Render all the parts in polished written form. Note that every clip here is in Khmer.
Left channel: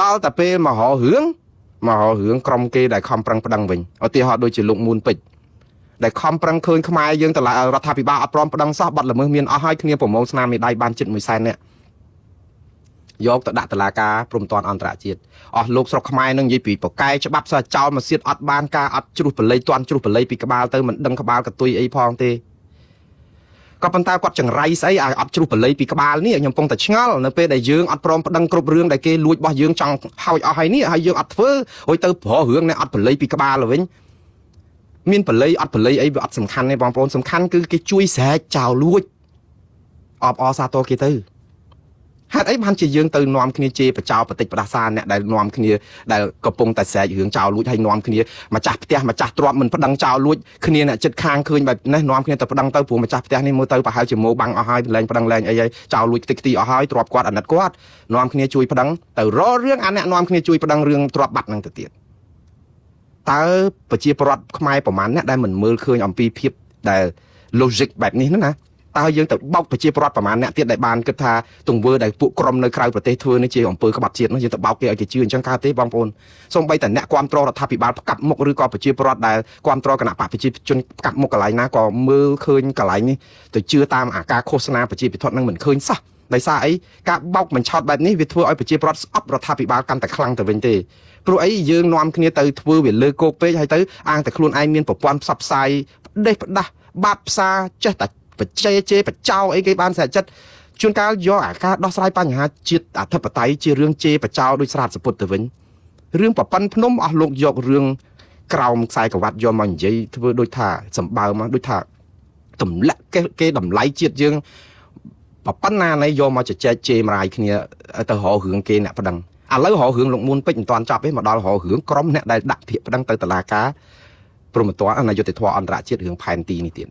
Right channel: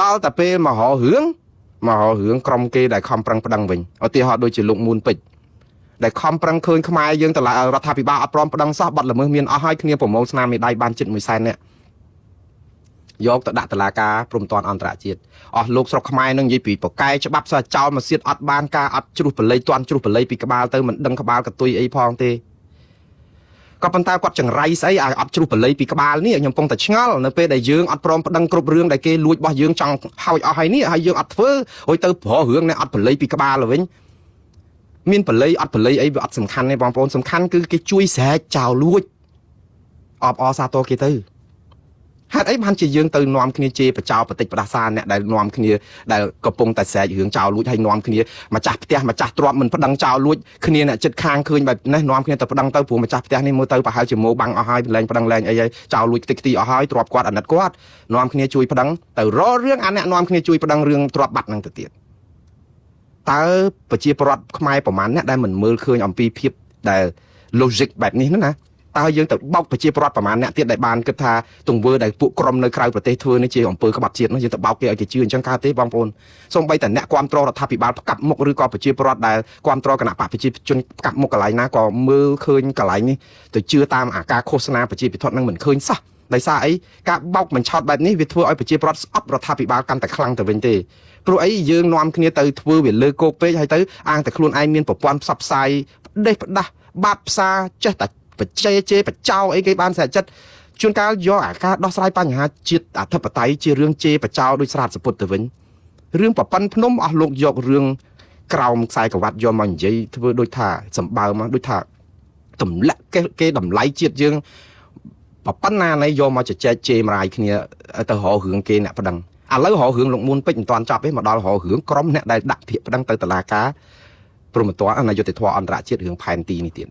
ដល់តែពេលមករឿងក្រុមគេដែលខំប្រឹងប្រដឹងវិញឧទាហរណ៍ដូចជាលោកមួនពេជ្រដែលខំប្រឹងឃើញខ្មែរយើងតឡារដ្ឋាភិបាលអត់ព្រមប្រដឹងសោះបាត់ល្មើសមានអស់ហើយគ្នាប្រមូលស្នាមមេដៃបានជិត100,000នាក់យកទៅដាក់តុលាការព្រំប្រទានអន្តរជាតិអស់លោកស្រុកខ្មែរនឹងនិយាយពីប្រកែច្បាប់ស្រាចោលមកសៀតអត់បានការអត់ជ្រុះបល័យទាន់ជ្រុះបល័យពីក្បាលទៅមិនដឹងក្បាលកតុយអីផងទេក៏ប៉ុន្តែគាត់ចង្រៃស្អីឲ្យអត់ជ្រុះបល័យពីក្បាលនេះខ្ញុំកំពុងតែឆ្ងល់នៅពេលដែលយើងអត់ព្រមប្តឹងគ្រប់រឿងដែលគេលួចរបស់យើងចង់ហោចអស់ហើយនេះហើយយើងអត់ធ្វើហើយទៅប្ររឿងនេះអត់បល័យពីក្បាលវិញមានបល័យអត់បល័យអីវាអត់សំខាន់ទេបងប្អូនសំខាន់គឺគេជួយស្រែកចោលលួចអបអសាទរគេទៅហេតុអីបានជាយើងទៅនាំគ្នាជេរបចោបតិចផ្ដាសាអ្នកដែលនាំគ្នាដែលកំពុងតែស្រែករឿងចោលលួចហើយនាំគ្នាម្ចាស់ផ្ទះម្ចាស់ទ្រព្យមិនប្តឹងចោលលួចគ្នាអ្នកចិត្តខាងឃើញបែបនេះនាំគ្នាទៅប្តឹងទៅព្រោះម្ចាស់ផ្ទះនេះមើលទៅប្រហែលជាម៉ូបាំងអស់ហើយលែងប្តឹងលែងអីហើយចោលលួចខ្ទេចខ្ទីអស់ហើយទ្រព្យគាត់អាណិតគាត់នាំគ្នាជួយប្តឹងទៅរករឿងអាអ្នកនាំគ្នាជួយប្តឹងរឿងទ្រព្យបាត់នឹងទៅទៀតតើប្រជាពលរដ្ឋខ្មែរប្រមាណអ្នកដែលមិនមើលឃើញអំពីភាពដែល logic បែបនេះណាតើយើងទៅបោកប្រជាពលរដ្ឋប្រមាណអ្នកទៀតដែលបានគិតថាទង្វើដែលពួកក្រុមនៅក្រៅប្រទេសធ្វើនេះជាអំពើក្បត់ជាតិនោះយើងទៅបោកគេឲ្យគេជឿអញ្ចឹងកើតទេបងប្អូនសូម្បីតែអ្នកគ្រប់គ្រងរដ្ឋាភិបាលផ្កាប់មុខឬក៏ប្រជាពលរដ្ឋដែលគ្រប់គ្រងគណៈបកប្រជាជនផ្កាប់មុខកន្លែងណាក៏មើលឃើញកន្លែងនេះទៅជឿតាមអាការឃោសនាប្រជាពិធនឹងមិនឃើញសោះដោយសារអីការបោកបញ្ឆោតបែបនេះវាធ្វើឲ្យប្រជាពលរដ្ឋស្អប់រដ្ឋាភិបាលកាន់តែខ្លាំងទៅវិញទេព្រោះអីយើងនាំគ្នាទៅធ្វើវាលើគោកពេកហើយទៅអាងតែខ្លួនឯងមានប្រព័ន្ធផ្សព្វផ្សាយដេកដោះបាត់ផ្សារចេះតែបច្ចេកបច្ចាអីគេបានស្រាច់ចិត្តជាងតែយើងដោះស្រាយបញ្ហាជាតិអធិបតេយ្យជារឿងចេកវិស័យស្ពុតទៅវិញរឿងប្រព័ន្ធភ្នំឲ្យលោកយករឿងគេខ្សែក្បាច់យកមកជ័យធ្វើដូចថាសម្បើមកដូចថាទម្លាក់គេតម្លៃជាតិយើងប៉ុណ្ណាណៃយកមកជជែកជេរម្រាយគ្នាទៅរករឿងគេអ្នកប្តឹងឥឡូវរករឿងលោកមួនពេជ្រមិនទាន់ចប់ទេមកដល់រករឿងក្រុមអ្នកដែលដាក់ភាកប្តឹងទៅតុលាការព្រមទាំងនាយកទទួលអន្តរជាតិរឿងផែនទីនេះទៀត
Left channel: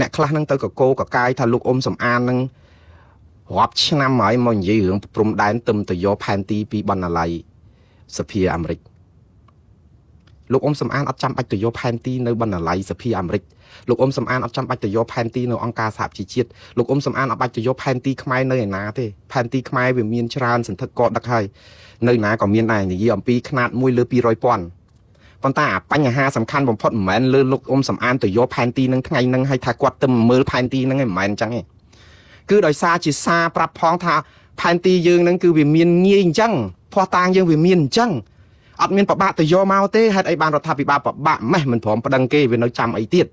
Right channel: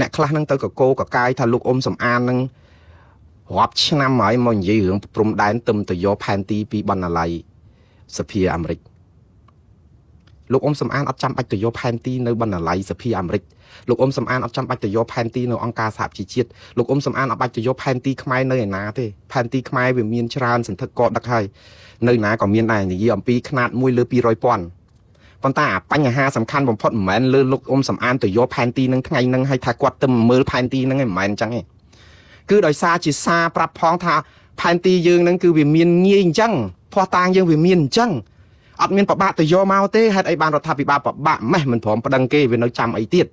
អ្នកខ្លះនឹងទៅកកោកកាយថាលោកអ៊ុំសំអាននឹងរាប់ឆ្នាំហើយមកនិយាយរឿងព្រំដែនទឹមទៅយកផែនទីពីបណ្ណាល័យសភាអាមេរិកលោកអ៊ុំសំអានអត់ចាំបាច់ទៅយកផែនទីនៅបណ្ណាល័យសភាអាមេរិកលោកអ៊ុំសំអានអត់ចាំបាច់ទៅយកផែនទីនៅអង្គការសហជីវជាតិលោកអ៊ុំសំអានអត់បាច់ទៅយកផែនទីខ្មែរនៅណាទេផែនទីខ្មែរវាមានច្រើនសន្ធឹកក៏ដឹកហើយនៅណាក៏មានដែរនិយាយអំពីຂະຫນាត1លើ200,000ប៉ុន្តែបញ្ហាសំខាន់បំផុតមិនមែនលើលោកអ៊ុំសំអានទៅយកផែនទីនឹងថ្ងៃនឹងឲ្យថាគាត់ទៅមើលផែនទីនឹងឯងមិនមែនអញ្ចឹងទេគឺដោយសារជាសារប្រាប់ផងថាផែនទីយើងនឹងគឺវាមានងាយអញ្ចឹងភ័ស្តុតាងយើងវាមានអញ្ចឹងអត់មានប្របាក់ទៅយកមកទេហេតុអីបានរដ្ឋាភិបាលប្របាក់ម៉េះមិនព្រមប្តឹងគេវានៅចាំអីទៀត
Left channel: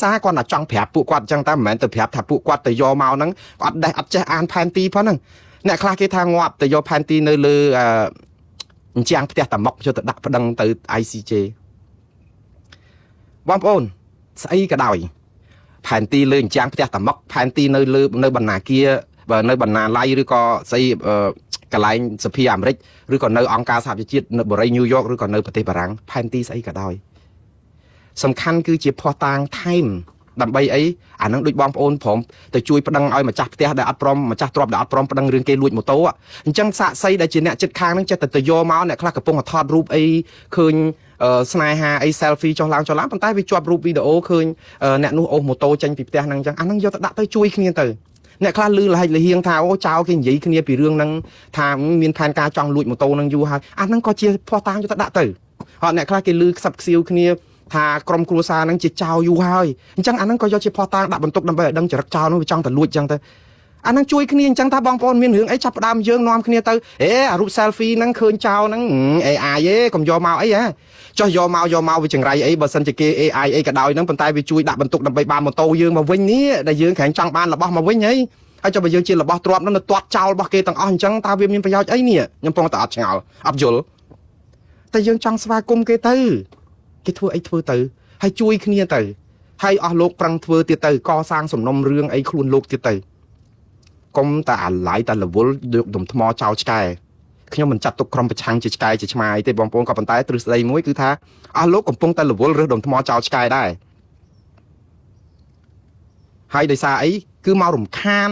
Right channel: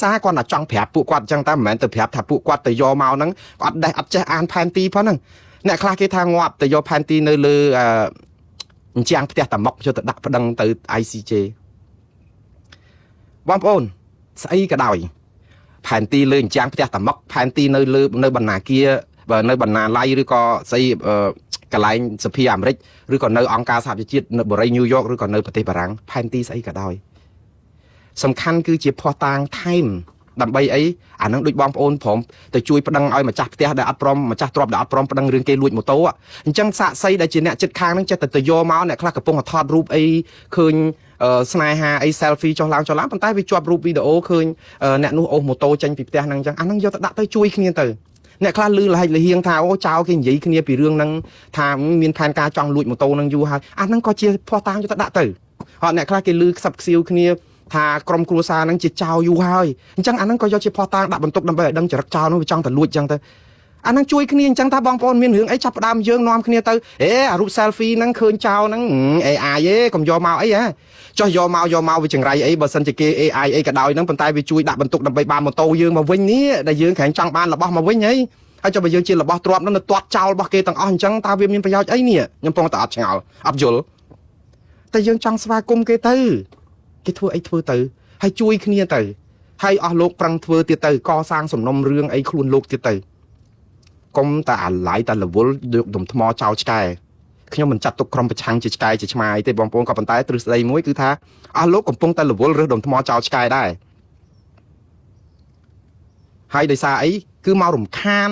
សារគាត់តែចង់ប្រាប់ពួកគាត់អញ្ចឹងតែមិនមែនទៅប្រាប់ថាពួកគាត់ទៅយកមកហ្នឹងអត់ដេះអត់ចេះអានផែនទីផងហ្នឹងអ្នកខ្លះគេថាងាប់ទៅយកផែនទីនៅលើអញ្ចាំងផ្ទះតាមុកយកទៅដាក់ប្តឹងទៅ ICJ បងប្អូនស្អីក៏ដោយផែនទីលើអញ្ចាំងផ្ទះតាមុកផែនទីនៅលើនៅបណ្ណាគារនៅបណ្ណាល័យឬក៏ស្អីកន្លែងសភាអាមេរិកឬក៏នៅអង្គការសហប្រជាជាតិនៅបរិយាញូវយ៉កឬក៏នៅប្រទេសបារាំងផែនទីស្អីក៏ដោយសំខាន់គឺជាភ័ស្តុតាងថែមដើម្បីអីអានឹងដូចបងប្អូនព្រមទៅជួយប្តឹងឲ្យម្ចាស់ផ្ទះដែលអត់ព្រមម្ចាស់ទ្រព្យដែលអត់ព្រមប្តឹងរឿងគេលួចម៉ូតូអញ្ចឹងសាកសីដែលជាអ្នកចិត្តខាងហ្នឹងចេះតែទៅយកមកអ្នកខ្លះកំពុងថតរូបអីឃើញស្នេហាអី selfie ចុះឡើងប៉ុន្តែវាជាប់រូបវីដេអូឃើញអ្នកនោះអូសម៉ូតូចេញពីផ្ទះហ្នឹងអញ្ចឹងអាហ្នឹងយកទៅដាក់ទៅជួយគ្នាទៅអ្នកខ្លះលឺលហិចលហៀងថាអូចៅគេនិយាយគ្នាពីរឿងហ្នឹងថាមានផែនការចង់លួចម៉ូតូហ្នឹងយូរហើយអាហ្នឹងក៏ជាភ័ស្តុតាងយកទៅដាក់ទៅហើយអ្នកខ្លះគេលឺខ្សឹបខ្សៀវគ្នាថាក្រុមគ្រួសារហ្នឹងជាចៅយូរហើយអញ្ចឹងអាហ្នឹងក៏យកជាភ័ស្តុតាងដាក់បន្ទុកដើម្បីឲ្យដឹងចរិតចៅនោះវាចង់ទៅលួចអញ្ចឹងទៅអាហ្នឹងជួយគ្នាអញ្ចឹងថាបងប្អូនមានរឿងអីចាប់ផ្ដើមយើងនាំគ្នាទៅអារូប selfie ហ្នឹងឃើញចៅហ្នឹង AI ឯងកុំយកមកអីហ៎ចុះយកមកវាចង្រៃអីបើសិនជាគេ AI អីក៏ដោយហ្នឹងប៉ុន្តែវាជួយដាក់បន្ទុកដើម្បីបានម៉ូតូយើងមកវិញនេះដែលយើងក្រែងចង់បានរបស់មកវិញហីហើយចុះបើយើងជារបស់ទ្រព្យហ្នឹងទៅទាត់ចោលរបស់គេទាំងអស់អញ្ចឹងតើវាមានប្រយោជន៍អីនេះខ្ញុំពងតែអត់ឆ្ងល់អត់យល់តែយើងចង់ស្វាគមន៍គេទៅគេធ្វើអីធ្វើទៅហើយជួយគ្នាទៅហើយអស់លោកប្រឹងធ្វើទៀតទៅកសាងសំណុំរឿងអីខ្លួនលោកទៀតទៅកុំតែអាឡ័យតែរវល់យកដុំថ្មចោលឆ្កែខ្ញុំមិនចាត់ទុកក្រុមប្រឆាំងជាឆ្កែជាឆ្មាយទេបងប្អូនក៏ប៉ុន្តែទ្រឹស្ដីមួយគឺថាអស់លោកកំពុងតែរវល់រើសដុំថ្មចោលឆ្កែដែរហើយដោយសារអីគឺមករំខាន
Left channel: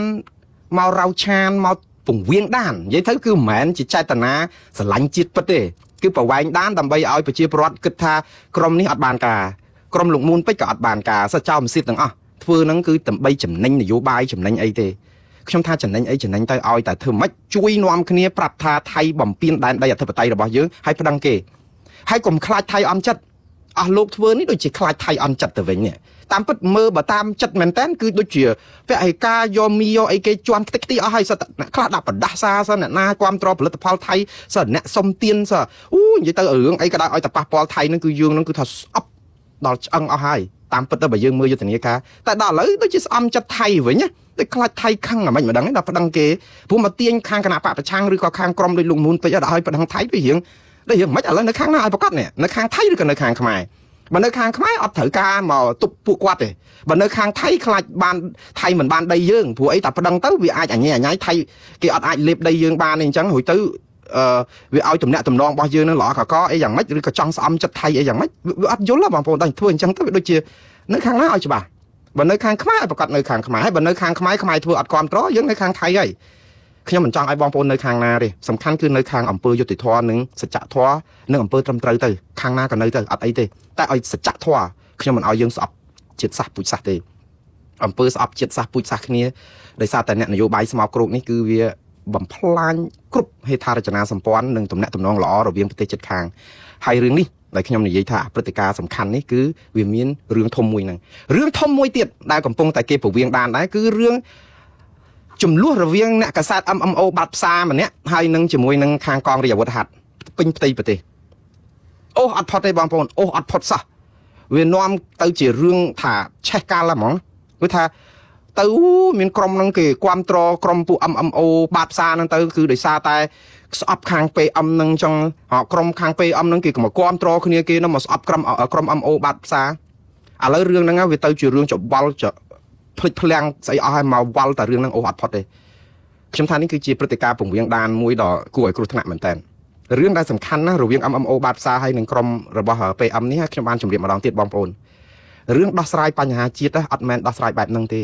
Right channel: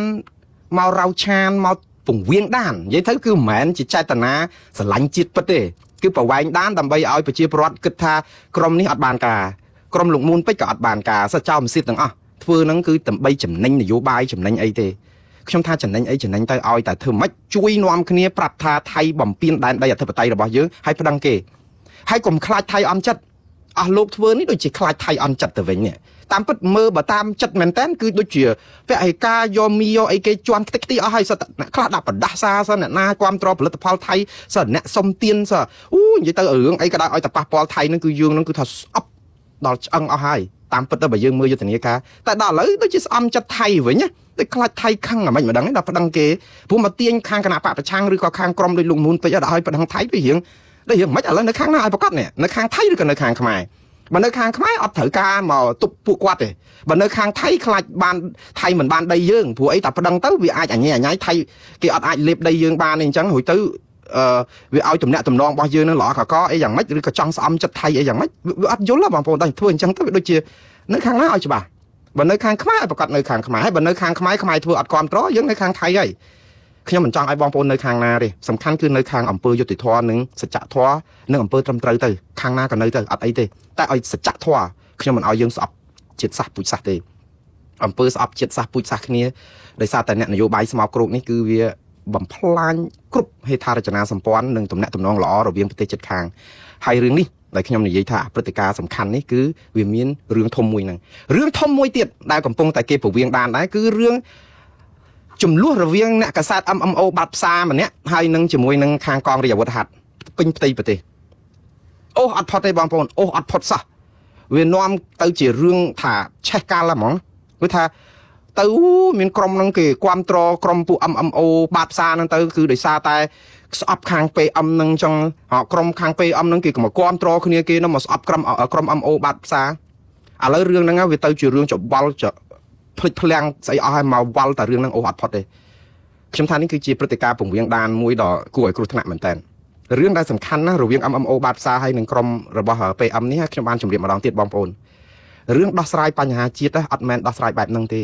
មករោឆានមកពង្វៀងដាននិយាយទៅគឺមិនមែនជាចេតនាស្រឡាញ់ជាតិពិតទេគឺប្រវែងដានដើម្បីឲ្យប្រជាពលរដ្ឋគិតថាក្រុមនេះអត់បានការក្រុមលោកមួនពេជ្រក៏អត់បានការសចោលមិនសិទ្ធទាំងអស់ធ្វើហ្នឹងគឺដើម្បីចំណេញនយោបាយចំណេញអីទេ ខ្ញុំថាចំណេញអីចំណេញទៅឲ្យតែធ្វើម៉េចជួយនាំគ្នាប្រាប់ថាថៃបំពេញដែនដីអធិបតេយ្យរបស់យើងហើយប្តឹងគេហើយកុំខ្លាចថៃអន់ចិត្តអស់លោកធ្វើនេះដូចជាខ្លាចថៃអន់ចិត្តទៅវិញនេះតាមពិតមើលបើតាមចិត្តមែនតើគឺដូចជាពាក់ឯកាយកមីយកអីគេជន់ខ្ទេចខ្ទីអស់ហើយសិតអ្នកខ្លះដាក់ប្រដាសាសិនអ្នកណាគ្រប់គ្រងផលិតផលថៃសិនអ្នកសុំទីតាមពិតទៅបើយើងមើលយុទ្ធនាការតែដល់ហើយដូចជាស្អំចិត្តថៃវិញណាតែខ្លាចថៃខឹងអាមិនម្ដងនេះដល់ប្តឹងគេព្រោះមកទាញខាងគណៈបកប្រឆាំងឬក៏ខាងក្រុមដូចលោកមូនពេជ្រអត់ឲ្យប្តឹងថៃទៅរៀងមិនឥឡូវនៅខាងណាឲ្យប្រកាសនេះនៅខាងថៃឬក៏នៅខាងខ្មែរបើនៅខាងខ្មែរអត់ត្រូវការមកទប់ពួកគាត់ទេបើនៅខាងថៃខ្លាចបានថៃមិនបានដីយើងព្រោះអីតែប្តឹងទៅវាអាចអញញ៉ៃថៃគេអត់អាចលេបដីយើងបានទេអញ្ចឹងរួចទៅវាឲ្យតំណាក់តំណងរបស់យើងនឹងល្អកកអីយ៉ាងម៉េចឬក៏ចង់ស្អំចិត្តថៃអីយ៉ាងម៉េចវាអត់យល់បងប្អូនតែធ្វើអញ្ចឹងទៅវាដូចជានៅខាងណាឲ្យច្បាស់បើនៅខាងខ្មែរប្រកាសនៅខាងខ្មែរហើយបើនៅខាងខ្មែរខ្មែរធ្វើអត់គ្រប់ត្រយើងនៅខាងថៃហើយខ្ញុំមិនចង់ឲ្យបងប្អូននៅខាងណាទេសំខាន់គឺនៅខាងអង្គើយុតិធម៌និងសច្ចធម៌និងអង្គើត្រឹមត្រូវទៅខាងណាក៏នៅទៅអត់អីទេតែឲ្យសច្ចធម៌ខ្ញុំមិនឲ្យយើងស្អប់ជាតិសាសន៍ពូជសាសន៍ទេអង្គើស្អប់ជាតិសាសន៍ពូជសាសន៍គ្នាដោយសារតែអ្នកនយោបាយស្មោកគ្រោកនេះគឺវាបំផ្លាញគ្រប់ហេដ្ឋារចនាសម្ព័ន្ធនិងទំនាក់ទំនងល្អរវាងប្រទេសជិតខាងហើយរឿងនេះដែលខ្ញុំនិយាយថាព្រឹត្តិការណ៍សំខាន់នេះគឺវាមានរឿងធំមួយនេះដែលកំពុងតែគេពវៀងបានដែរគឺរឿងចំនួនរវាងអ្នកកាសែត MMO បាត់ផ្សារម្នាក់ហើយនឹងជាមួយនឹងខាងកងរាជអាវុធហត្ថពេញផ្ទៃប្រទេសអូអត់ផុតទេបងប្អូនអូអត់ផុតសោះវានាំទៅជារឿងថាឆេះកាលហ្មងគឺថាទៅមានក្រុមនឹងគេគ្រប់គ្រងក្រុមពួក MMO បាត់ផ្សារហ្នឹងទៅគឺដោយសារតែស្អប់ខាង PM នឹងចង់ក្រុមខាង PM នឹងគេក៏មកគ្រប់គ្រងគ្នាគេនឹងមកស្អប់ក្រុម MO បាត់ផ្សារឥឡូវរឿងហ្នឹងវាទៅជារឿងច្បល់ភុចភ្លាំងស្អីអស់ហើយមកវល់តែរឿងហ្នឹងអូអត់ផុតទេខ្ញុំថានេះគឺជាព្រឹត្តិការណ៍ពង្រៀងដានមួយដ៏គួរឲ្យគ្រោះថ្នាក់មែនតើរឿងដែលសំខាន់ណាស់រវាង MMO បាត់ផ្សារហើយនឹងក្រុមរបស់ PM នេះខ្ញុំបានជម្រាបម្ដងទៀតបងប្អូនរឿងដោះស្រាយបញ្ហាជាតិអត់មែនដោះស្រាយបែបហ្នឹងទេ